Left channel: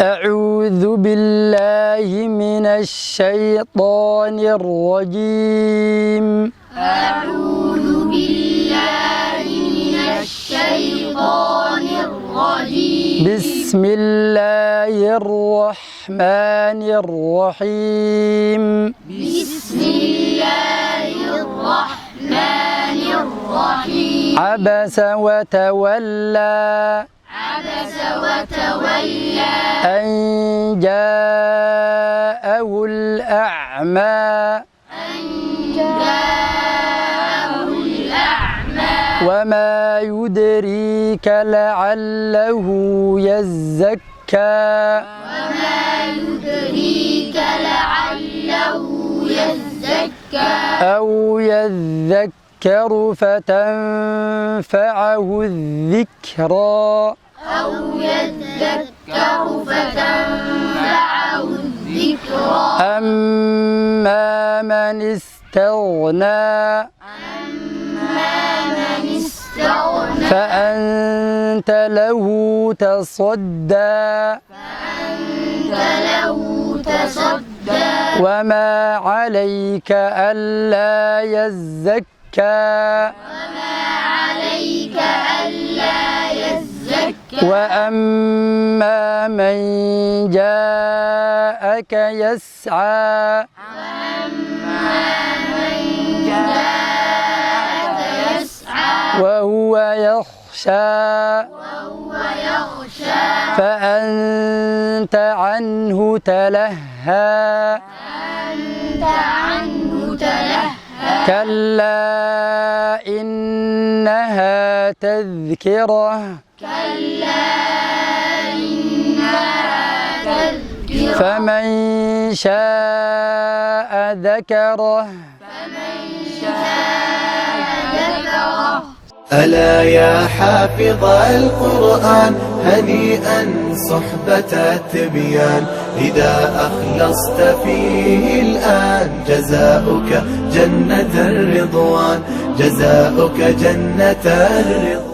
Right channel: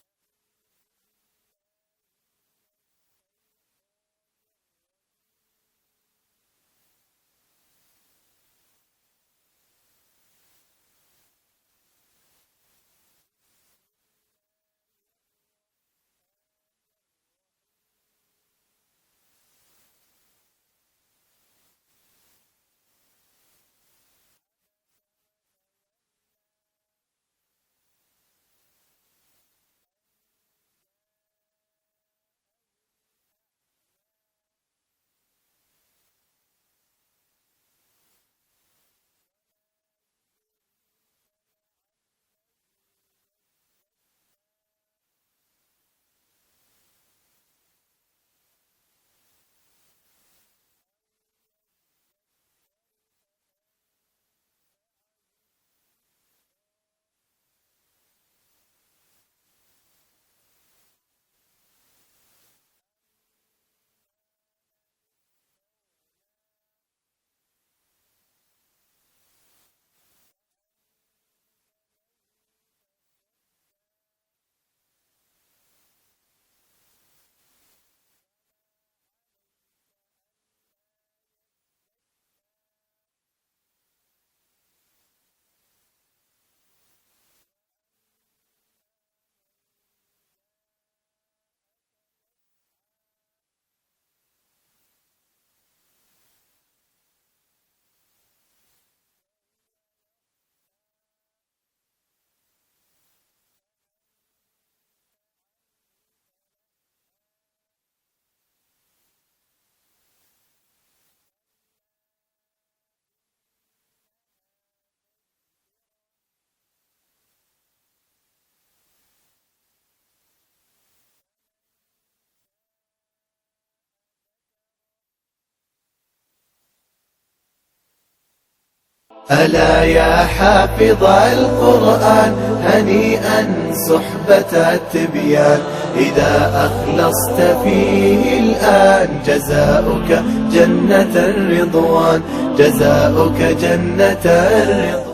أعوذ بالله من الشيطان الرجيم. أعوذ بالله من الشيطان الرجيم. بسم الله الرحمن الرحيم. بسم الله الرحمن الرحيم. عبس وتولى. عبس وتولى. أن جاءه الأعمى. أن جاءه الأعمى. وما يدريك لعله يزكى. وما يدريك لعله يزكى. أو يذكر فتنفعه الذكرى. أو يذكر فتنفعه الذكرى. أما من استغنى. أما من استغنى. فأنت له تصدى. فأنت له تصدى. وما عليك ألا يزكى. وما عليك ألا يزكى. وأما من جاءك يسعى. وأما من جاءك يسعى. وهو يخشى. وهو يخشى. فأنت عنه تلهى. فأنت عنه تلهى. كلا إنها تذكرة. كلا إنها تذكرة. فمن شاء ذكره. فمن شاء ذكره. ألا يا حافظ القرآن هنيئا صحبة التبيان إذا أخلصت فيه الآن جزاؤك جنة الرضوان. جزاؤك جنة الرضوان.